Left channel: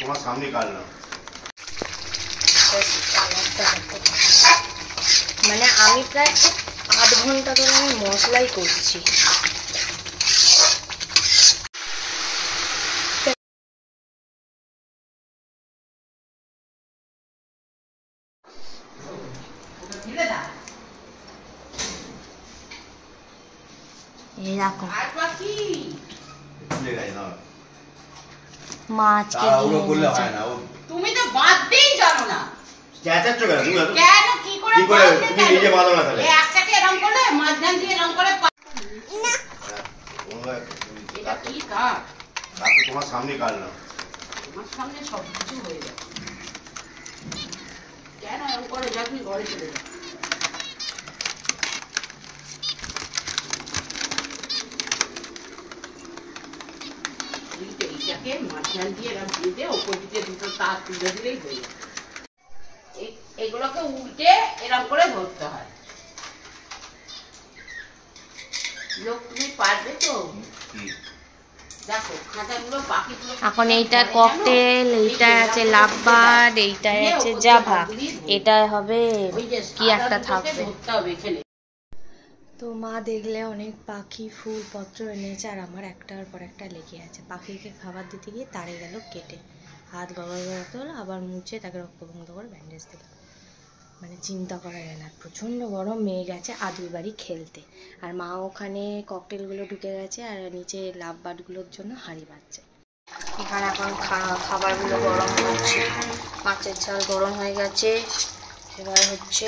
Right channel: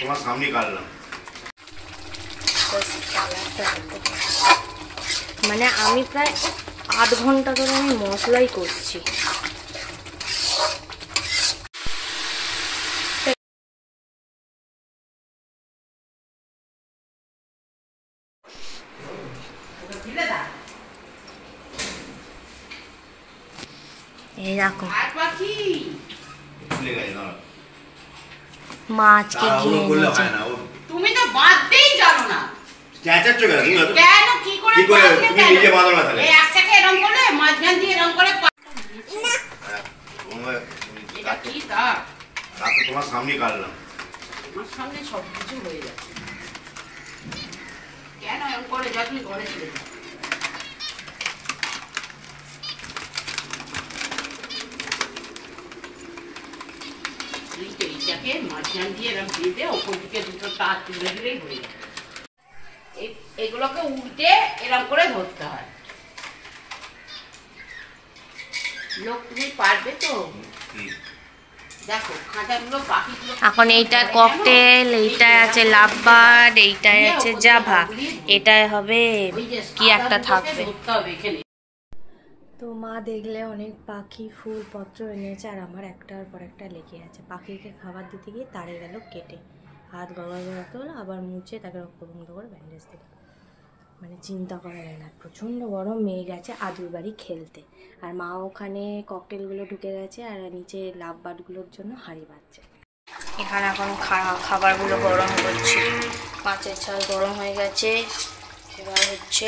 তোমার সামনে কাটলাম। মানে আমি প্রায় 8 ঘন্টা ধরে আমি মশলাই করছি। এই দেখো মাছকে তুমি তো বাঁধতেই জানো না। চেঁচাচ্ছ কেন তুমি? কেন কি করে বাঁধলে? তুমি নিজে বাঁধো না তাহলে। এই একটাকে এরকম করলে মাঝখান দিয়ে এরকম করে এটা কি তার? কাকু তোমার সামনে কাটলাম। আমার সামনে সব কিছু হয়ে যায়। কেন এরকম করে যা তুমি ঘরে চলে যাও। এইটাকে মাঝখান দিয়ে এরকম দিয়ে দে, ওপর দিকে দুটো তার তুলে দিলেই হয়ে যায়। এগুলোকে উল্টে এরকম করে ধরতে হয়। লোক তুমি পারবে তো? দেখো খাঁচাগুলো পাখিগুলো। এখন এইটা ককটেল, এইটাই আছে লাভবার্ড, এইটাই আছে জাভা, এটাই হবে কি একটা থাকবে। তো মা দেখলে অনেক পাখি ফুল পত্র এনেছে, আর আমার একটার পর একটা লেগে আছে। পাখিকে খাবার দিতে গিয়ে তাড়ে গেল কেটে, হাত গড়াতে হলো, আবার মুছে তাকে রক্তবন্ধ করে ব্যান্ডেজ দিল। মানে চিন্তা করা যায় না, প্রচণ্ড গরম। মেয়ে গেছে আদুর বাড়ি খেলতে, আর মা ওখানে ককটেলগুলো ঢুকে গেছে, আর নিচে লাভবার্ডগুলোর জন্য হাঁড়ি বাজছে। এখানে এখন খাবারগুলো গরম হচ্ছে। মাছের ঝাল গরম হয়ে গেছে, এবার হচ্ছে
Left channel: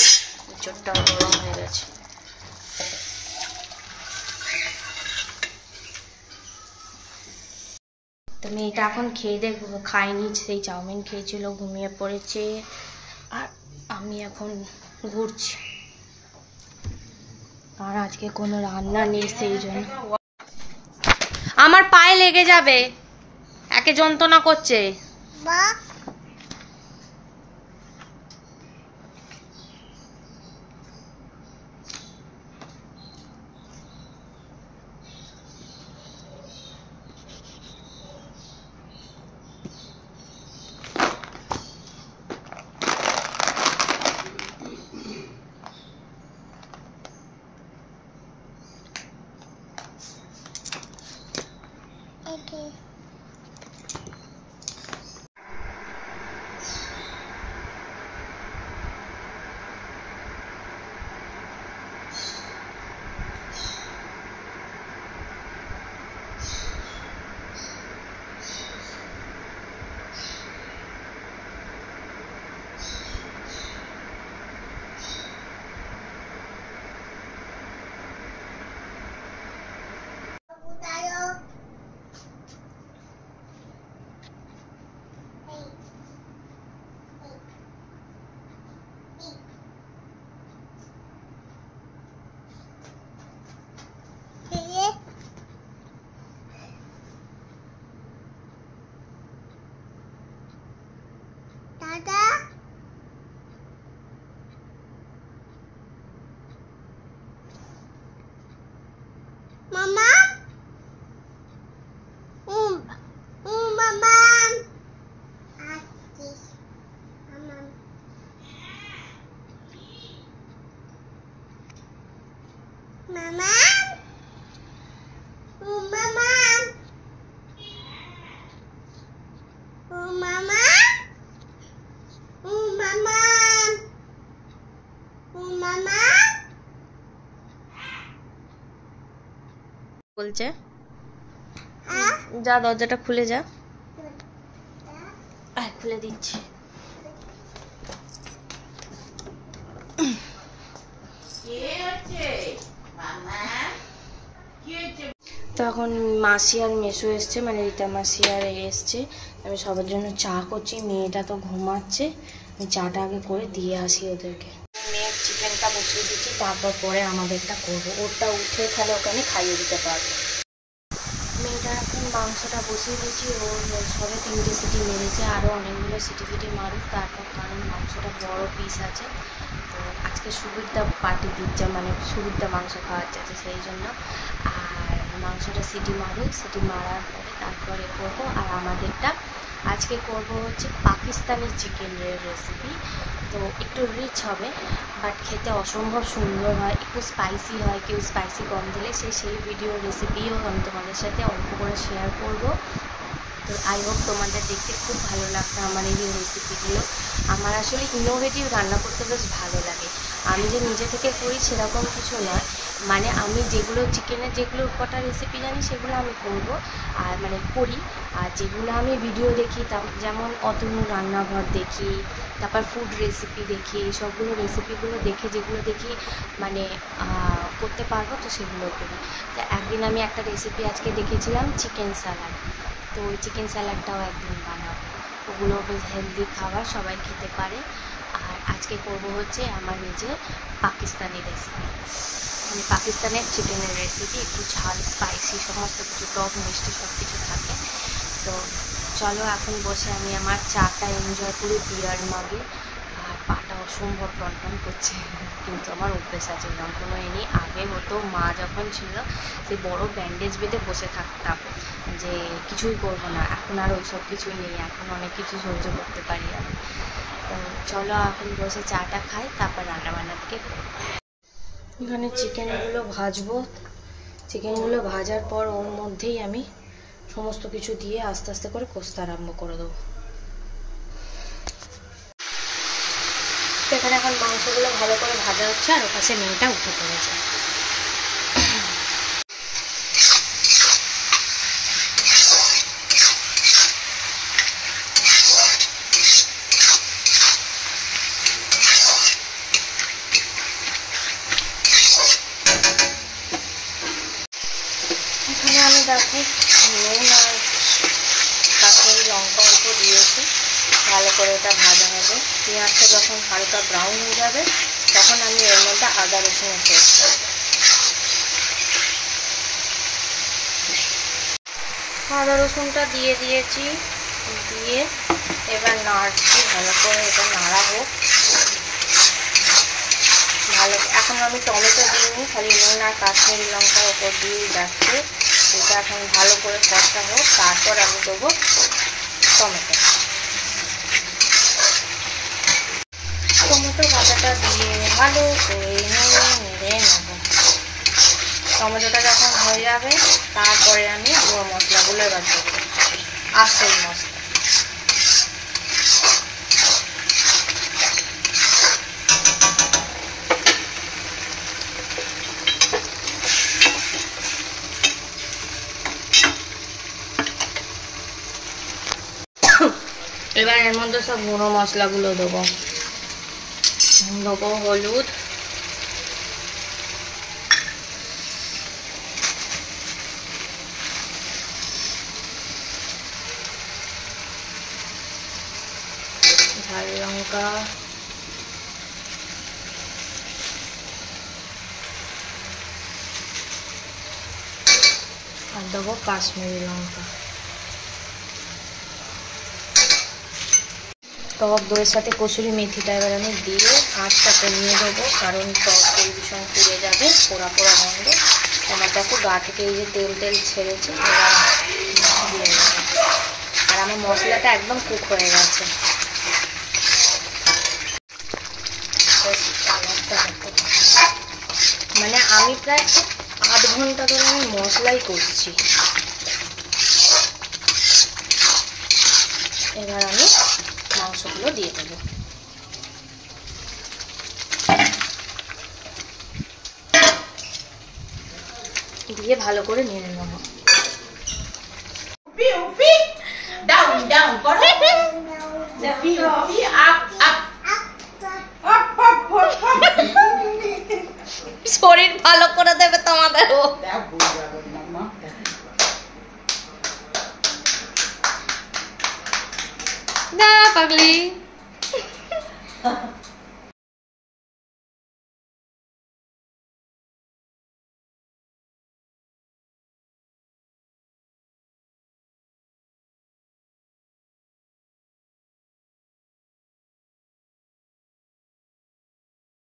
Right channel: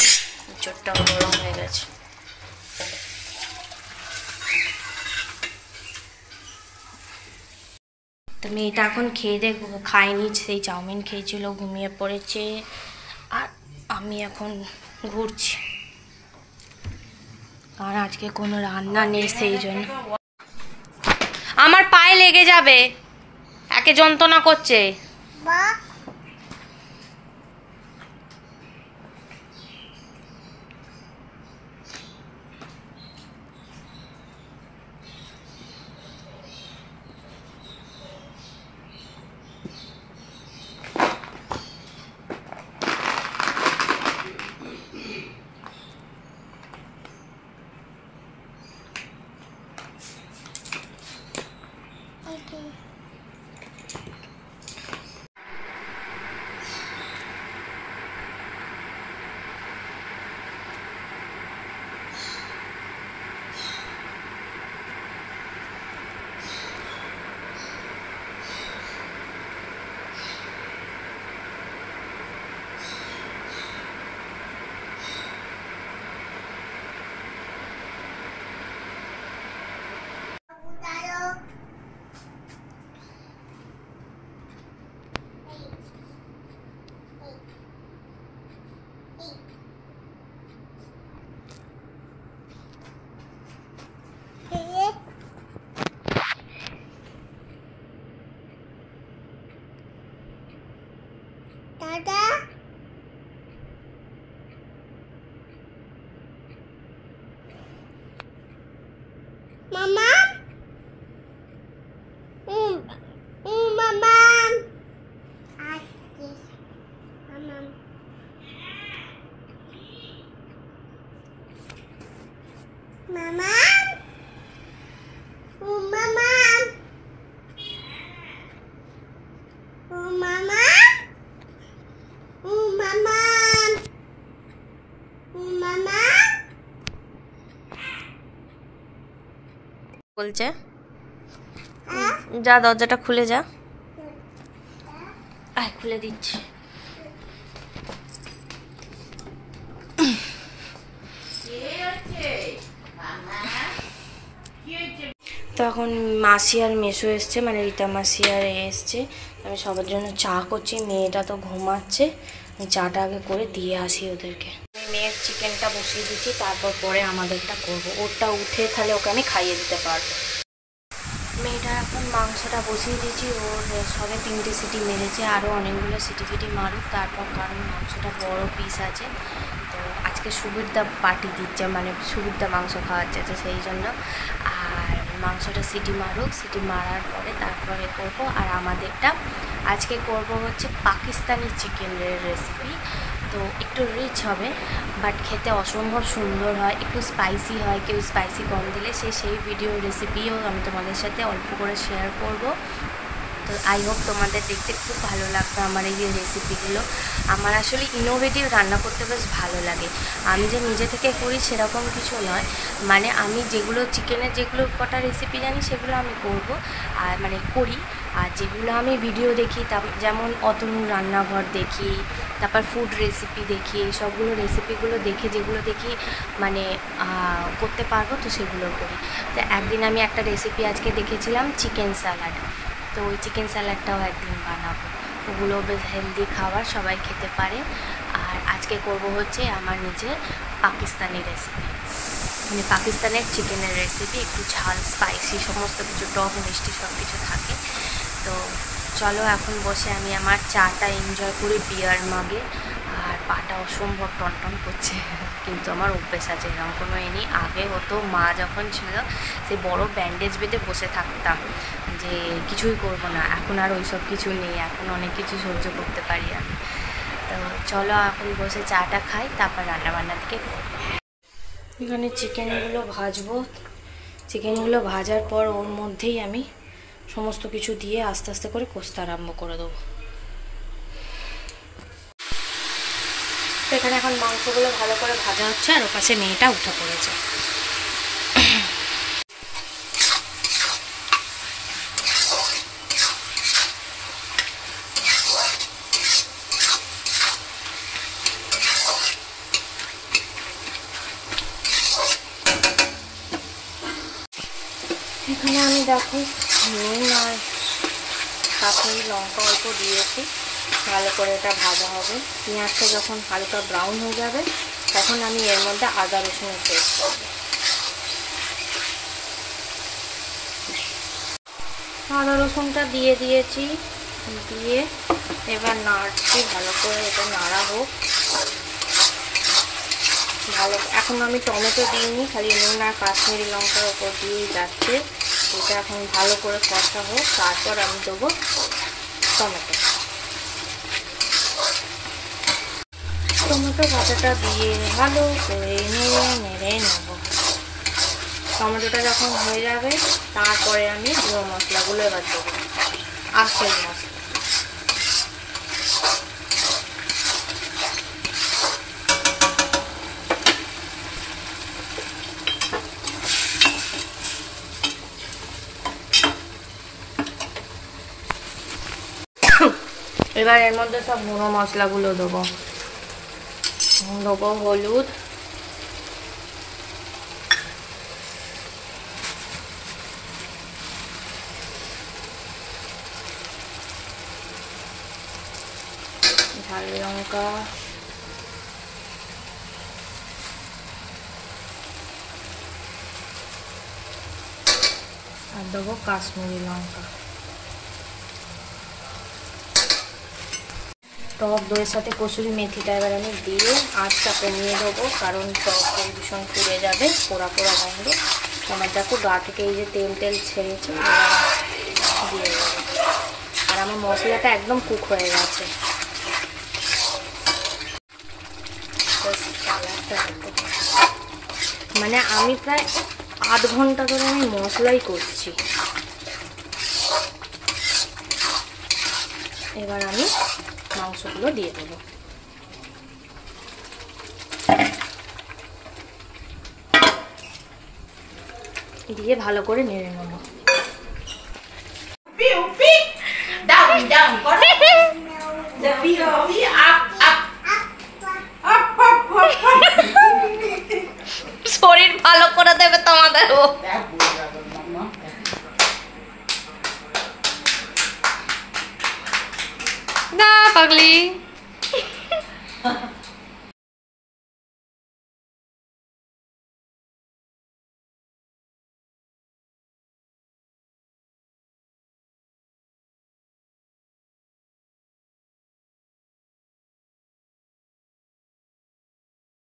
চোরটাও গরম হয়ে গেছে। তো মেয়েটা এখন খেয়ে দেখবো, খায়নি, সেই চাউমিন খেয়েছিল, ঘুমিয়ে পড়েছে, আর আমি এখন ঘুরছি, আর আজকে কোনো রান্না নেই, সেই জন্য আমার পায়ে লেগে যাবে, একে যন্ত্রণা করছে। Mama. Mama. Atis. Mama. Mama. Mama. Mama. Mama. Mama. বলছে যা, দরজাটা খুলে যা। খুলে দিচ্ছি। তো এখন মাসি আর মেসো এসছে, মানে রীতা মাসি আর এসছে। আমি সবার জন্য চা করছি, মেয়েটা তো ঘুমাচ্ছে, আমি চাটা আগে করে দিয়ে আসি ওদেরকে। মেয়ের চিকেনটা বসিয়ে দিচ্ছি, তারপর পরে আমাদেরটা করবো। ওরটা উঠে তাহলে ওকে আমি খাইয়ে দিতে পারবো। মেয়েটার এখন মাংসটা বসিয়ে দিয়েছি, ওর সবে 3টে সিটি মেরেছে, আরও অনেকগুলো সিটি ফিটি মারুক তারপর, কারণ মাংসটা বড় পিস আছে। তো আজকে সুবিরদা পার্টি দিচ্ছে, মানে সুবিরদা মাংস খাওয়াচ্ছে, তো সেই জন্য। আর মাংসটা সিটি মারুক, সিটি মারার পরে তারপরে করব। আর আমাদেরটা আজকে করব হচ্ছে পাকিস্তানি চিকেনের রেসিপি। তো একটু রিচ হবে, বাট খেতে অসম্ভব সুন্দর হয়, একটু স্পাইসি হয়। কেউ স্পাইসি কম দিলে সেই ভিডিও রেসিপিও আমি তোমাদের সাথে অল্প করে শেয়ার করব। তো আই হোপ তোমাদের দেখতে খুব ভালো লাগবে আমার এই যে রেসিপিগুলো। আমার আসলে ইনোভেটিভ রান্না করতে বেশ ভালো লাগে। আমি যে নিজে থেকে করি সেরকম কিছু নয়, মানে আমি যেগুলো চিকেনের যেগুলো কটা রেসিপি জানি সেগুলো আমি করব, আর মানে করি। আর যেগুলো আমি ভিডিও দেখি, যেমন অতনু রান্নাঘর দেখি, তারপর ফুড রেসিপি দেখি, সবগুলো রেসিপিগুলো দেখে যেগুলো দেখি মানে করতে পারবো, তো সেগুলো করি। তো একদিন আমি একটা রেসিপি আজকে দেখেছিলাম চিকেন স্যালাড, তো ওই চিকেন স্যালাডটাও একদিন বানাবো। ওগুলো বেশ হেলদি খাবার, সবাই খেতে পারে। আর আজকে করব হচ্ছে আমার নিজের পাকিস্তানি রেসিপি, মানে পাকিস্তানের চিকেনের রেসিপি। একটু ঝাল, স্পাইসি, সমস্ত কিছু, টক মিষ্টি সব কিছু থাকে। তো চলো এখন বসে আমি আমার চাটা এনজয় করি বিয়ার মাগে। আর পাটা অসম্ভব টনটন করছে, কিন্তু আমার অভ্যেস আছে, এরকম কোনো নেই। আগে হতো, মা যখন ছিল সেই বড় ব্যান্ডেজ বেঁধে বসে থাকতাম যে কিছুই করব না। এখন আর ওই সব কিছু নেই, এখন অনেক কিছু সহ্য করতে পারি আমি। তো চলো এখন বসে চাটা খাই, তারপর রান্নাবান্নার দিকে করবো। এখানে চিকেনগুলো ভাজবো। চিকেনগুলো ভাজার পর ওর মধ্যেই আমি সমস্ত কিছু দিয়ে আস্তে আস্তে করে কষতে আরম্ভ করে দেবো। তো এখানে এখন মাংসগুলো ভালো করে ভাজা হচ্ছে, আর ওপাশে মেয়েটা উঠে পড়েছে। এখানে আমি দেখো নুন আর কাশ্মীরি লঙ্কা অল্প দিয়েছি, ভালো করে এটা ভাজা হবে। পেঁয়াজটা যখন হালকা ব্রাউন হয়ে যাবে তখন আমি এর মধ্যে আদা রসুনের পেস্ট দেবো। আদা রসুনটা দিয়ে দিয়েছি, দিয়ে এবার নাড়ছি ভালো করে, এটা নাড়া হোক ভালো। এখন আমি টমেটো দিইনি, খালি নুন আর কাশ্মীরি লঙ্কার ওপর দিয়েই যাচ্ছে। এটা এখন ভালো করে কষা হোক, তারপর আমি দেবো টমেটো। টমেটো কাঁচাটা দিয়ে ভালো করে নেড়ে নেব। টমেটোটা যখন হয়ে যাবে তারপরে আমি গুঁড়ো মশলাগুলো এবার দেবো, আস্তের মশলা। এবার এর মধ্যে সব গুঁড়ো মশলাগুলো দেবো। দেবো হলুদ, ঝাল লঙ্কা, আর দেবো কাশ্মীরি লঙ্কা। টক দইয়ের সাথে কসুরি মেথিটা এবার আমি দিয়ে আঁচটা কমিয়ে দেবো, কারণ টক দই ভীষণ পুড়ে যাবে, পোড়া পোড়া গন্ধ। আমার দেখো গা থেকে এই যে তেল তেল ছেড়েছে, এবার দিয়ে দেবো। আর আমার মশলাটা একদম কুক হয়ে গেছে। মানে আমি প্রায় 8 ঘন্টা ধরে আমি মশলাই করছি। এবার আমি মাংসগুলো দিয়ে দেবো। দিয়ে ভালো করে নেড়ে নেবো। ডাউন ডাউন করো, P P up up up up up. শরীর ভালো করে দেবে তোমাদেরও। না পাগলি।